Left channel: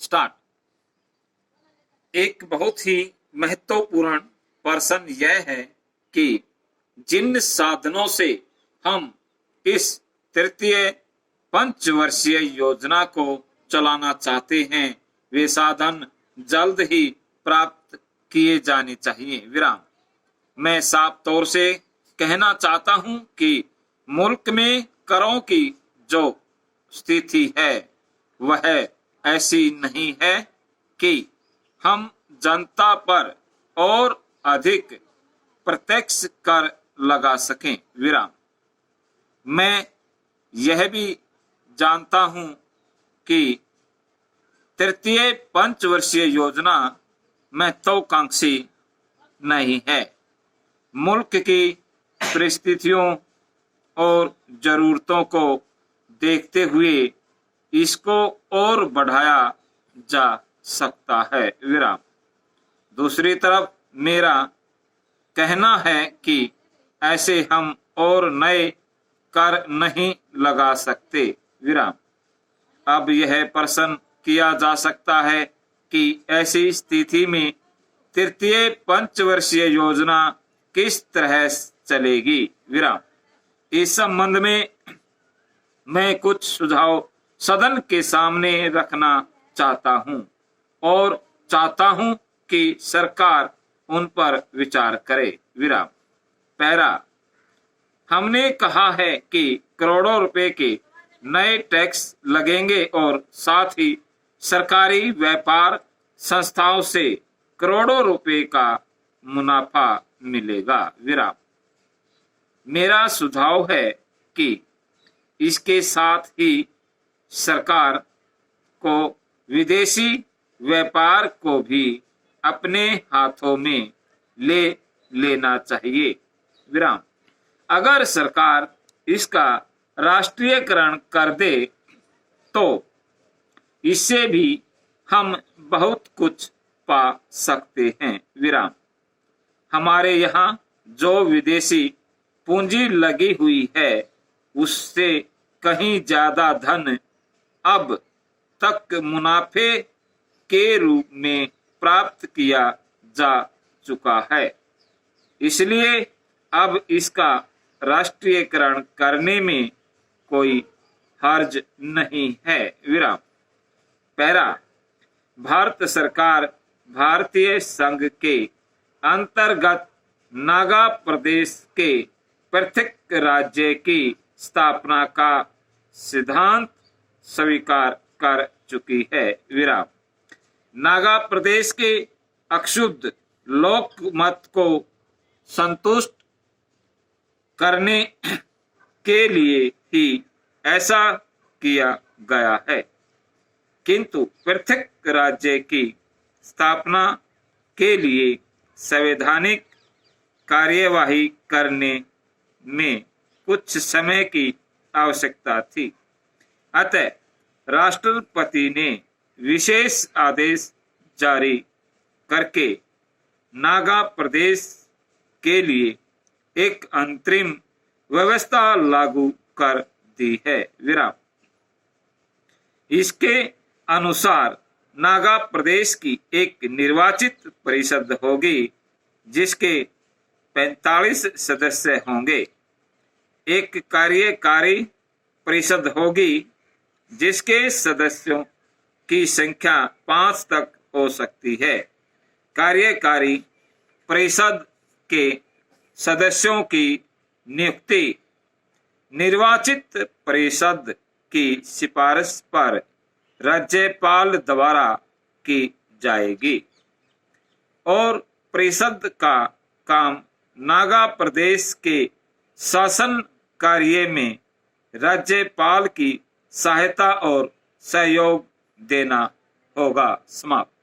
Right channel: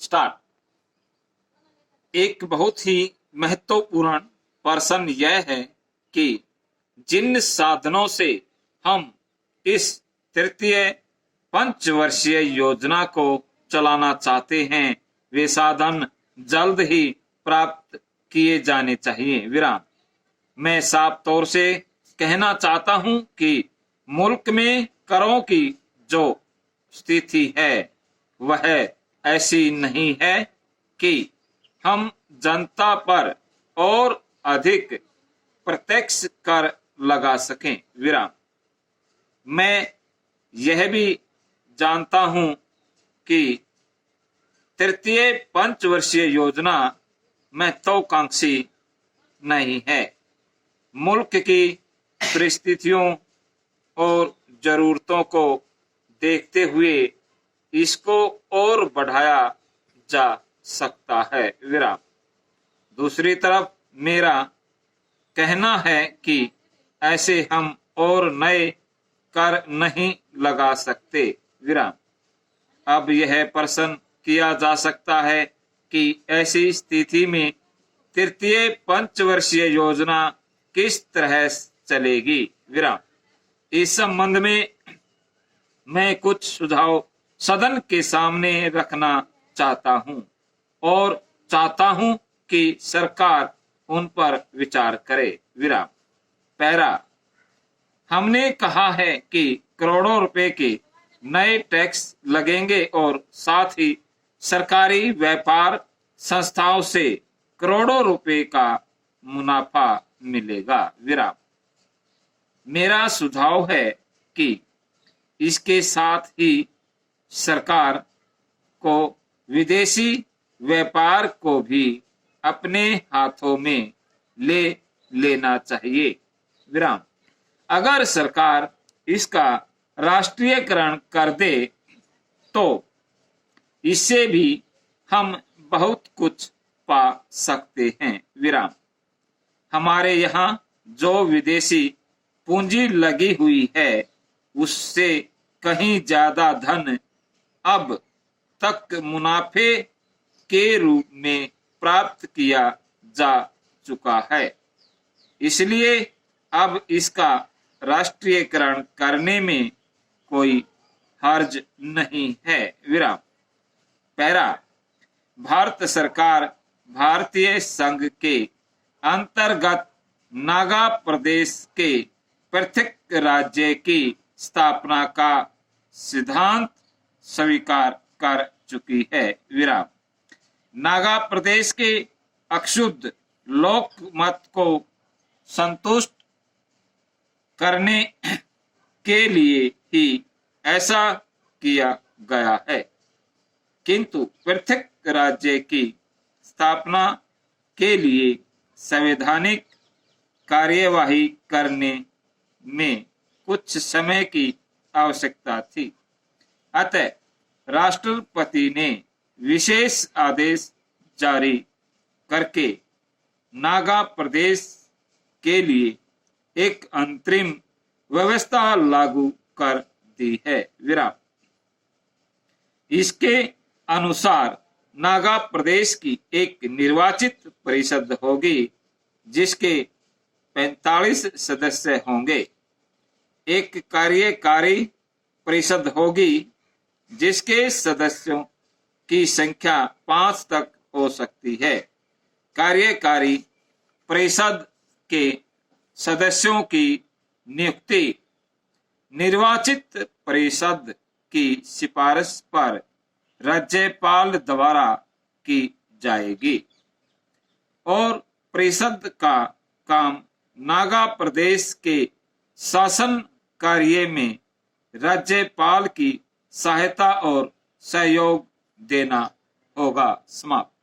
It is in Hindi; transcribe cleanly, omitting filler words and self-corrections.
स्टार्ट। एक बहुत ही महत्वपूर्ण प्रश्न यह है कि जिन साधनों से हम इस तृतीय पंचवर्षीय योजना को चलाना चाहते हैं वे साधन जल्द ही प्राप्त किए जाने चाहिए। विराम। मैं साफ तौर से कहना चाहता हूं कि मुल्क में करों की जो स्थिति है वह ऐसी नहीं है कि हम जनता पर और अधिक प्रत्यक्ष कर लगा सकें। विराम। मैं यह भी जानता हूं कि तृतीय पंचवर्षीय योजना महत्वाकांक्षी नहीं है। मुल्क की परिस्थितियों और जरूरतों को देखते हुए इसको और बढ़ाया जा सकता है। विराम। दूसरी तरफ मेरा कहना है कि ऐसे हम और नए कर नहीं लगा सकते। विराम। अब यह प्रश्न किया जा सकता है कि ऐसी स्थिति में तृतीय पंचवर्षीय योजना किस तरह चलेगी। विराम। इस संबंध में मैं कुछ सुझाव सदन के सामने रखना चाहता हूं और चाहता हूं कि सरकार उन पर विचार करे। विराम। पैरा। हमने कहा है कि करोड़ों रुपए के नए टैक्स लगेंगे और साथ ही सरकारी व्यापार संस्थाओं से करोड़ों रुपए का मुनाफा मिलेगा। विराम। मेरा सुझाव है कि इसके साथ ही सरकार को विदेशी व्यापार को भी अपने हाथों में ले लेना चाहिए। विराम। अगर सरकार इसका राष्ट्रीयकरण कर दे तो इससे भी हम बहुत कुछ पा सकते हैं। विराम। हमारे यहाँ जो विदेशी पूंजी लगी हुई है उससे कहीं ज्यादा धन अब तक मुनाफे के रूप में प्राप्त किया जा चुका है, इसलिए अब इसका राष्ट्रीयकरण करने में कोई हर्ज नहीं है। विराम। पैरा। भारत सरकार भारतीय संघ के अंतर्गत नागा प्रदेश के पृथक राज्य की स्थापना का सिद्धांत स्वीकार कर चुकी है। विराम। नागा प्रदेश के अक्षुब्ध लोक मत को संतुष्ट करने के लिए ही ऐसा किया गया है, किंतु पृथक राज्य की स्थापना के लिए संवैधानिक कार्यवाही करने में कुछ समय की आवश्यकता थी। अतः राष्ट्रपति ने विशेष आदेश जारी करके नागा प्रदेश के लिए एक अंतरिम व्यवस्था लागू कर दी है। विराम। इसके अनुसार नागा प्रदेश की एक निर्वाचित परिषद होगी जिसके 45 सदस्य होंगे। एक कार्यकारी परिषद होगी जिसके सदस्यों की संख्या 5 तक हो सकती है। कार्यकारी परिषद के सदस्यों की नियुक्ति निर्वाचित परिषद की सिफारिश पर राज्यपाल द्वारा की जाएगी और परिषद का काम नागा प्रदेश के शासन कार्य में राज्यपाल की सहायता और सहयोग देना होगा। समाप्त।